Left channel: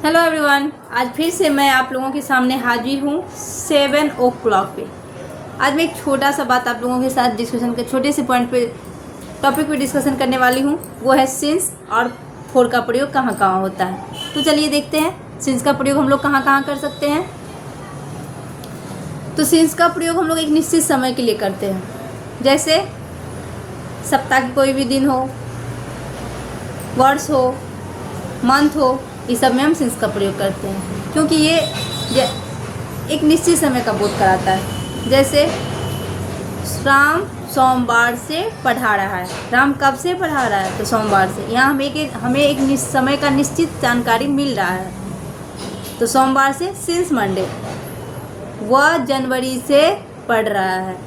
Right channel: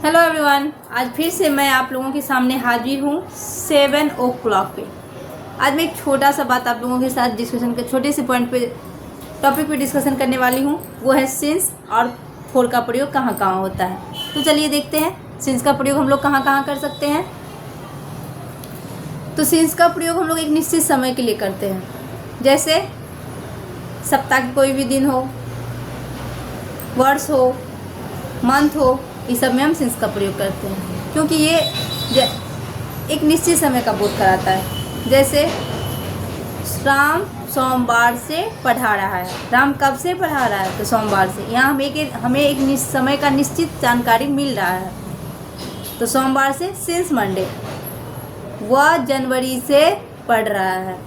Hello everyone, आज फिर से मैं आप लोगों के सामने हाजिर हूँ 7 o'clock पे। आज मैं एक छोटा सा बात आप लोगों के साथ डिस्कशन के छोटे से पॉइंट पे टॉपिक पे डिस्कशन करने वाली हूँ। वो है सिंस और फोर का प्रयोग कहाँ कहाँ होता है। तो चलिए देखते हैं सिंस का प्रयोग हम लोग कहाँ कहाँ कर सकते हैं। तो सिंस का प्रयोग हम लोग एक निश्चित समय के लिए करते हैं, जैसे सप्ताह के कोई भी दिन हो, वर्ष हो, मंथ हो, इस सब में हम सिंस का प्रयोग करते हैं, क्योंकि ये एक निश्चित समय का बोध कराता है। जैसे राम सोमवार से पढ़ा रहा है। राम कब से पढ़ा रहा है? तो सोमवार से। यहाँ हमें एक समय का निश्चित जानकारी मिल रहा है। तो सोमवार से सिंस मंडे। वह जनवरी से पढ़ रहा है।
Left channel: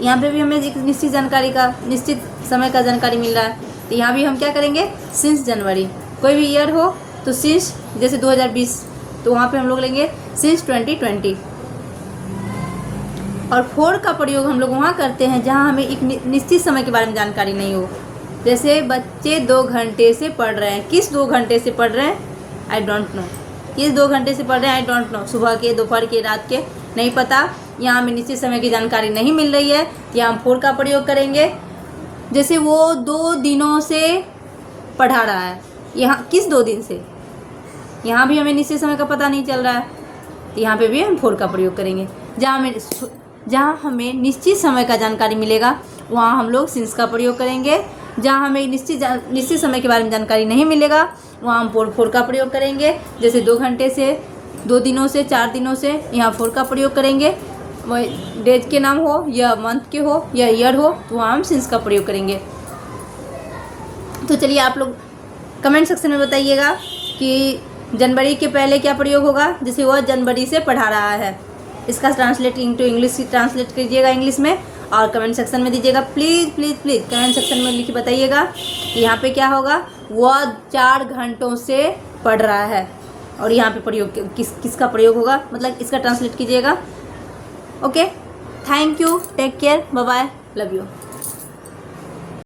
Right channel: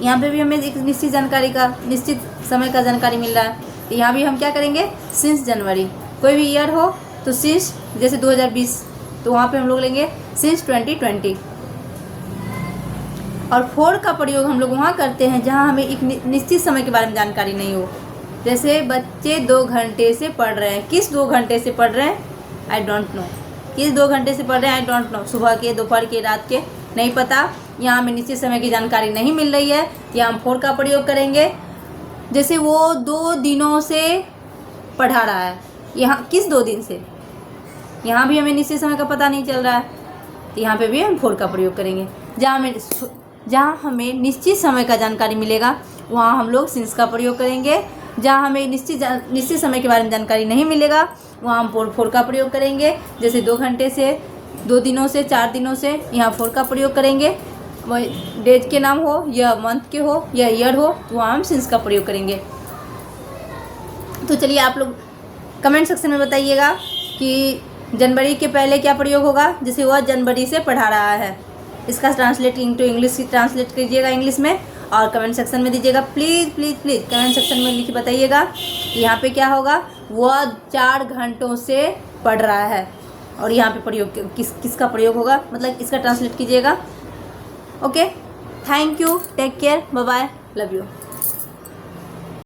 यहाँ पे भी हमें एक निश्चित समय का जानकारी मिल रहा है। तो यहाँ भी हम क्या करेंगे? Since January. कोई भी ईयर हो तो सिंस, जैसे 2020, तो वहाँ पे हम लोग लेंगे सिंस 2020। और फोर का प्रयोग हम लोग वहाँ करते हैं जहाँ हमें एक निश्चित समय के बारे में जानकारी नहीं हो। जैसे बच्चे 2 घंटे से पढ़ रहे हैं। किस 2 घंटे से पढ़ रहे हैं? I don't know. किस 2 घंटे से पढ़ रहे हैं? I don't know. सुबह के, दोपहर के, रात के, नहीं पता। यहाँ हमें निश्चित समय की जानकारी नहीं मिल रही है, तो यहाँ हम फोर का प्रयोग करेंगे। जैसे वो 2 दिनों से पढ़ा रहा है। यहाँ किस 2 दिन से? यहाँ भी हमें निश्चित समय का पता नहीं चल रहा है, तो यहाँ पे भी हम फोर का प्रयोग करेंगे। जहाँ हमें निश्चित समय का जानकारी मिलेगा वहाँ हम लोग सिंस का प्रयोग करेंगे। जहाँ हमें निश्चित समय के बारे में जानकारी नहीं मिलेगा वहाँ हम फोर का प्रयोग करेंगे। जैसे 2 घंटे से, 2 दिनों से, 4 दिनों से, यहाँ फोर का प्रयोग करेंगे। डेज के नाम हो या मंथ के हो या ईयर हो तो वहाँ हम सिंस का प्रयोग करेंगे। तो चलिए आप लोग कमेंट सेक्शन में बताइएगा कि जनवरी के पहले क्या प्रयोग होगा। जैसे वह जनवरी से पढ़ा रहा है, इसका ट्रांसलेट इनटू इंग्लिश ट्रांसलेट कीजिएगा इंग्लिश में और कमेंट सेक्शन में दीजिएगा। Please please please comment section में लिख के बताइएगा कि यहाँ पे क्या होगा। वह 4 घंटों से पढ़ रहा है, और यहाँ पे प्रयोग किसका प्रयोग होगा, मतलब इसका ट्रांसलेट कीजिएगा। Okay, thank you, take care, bye bye, love you.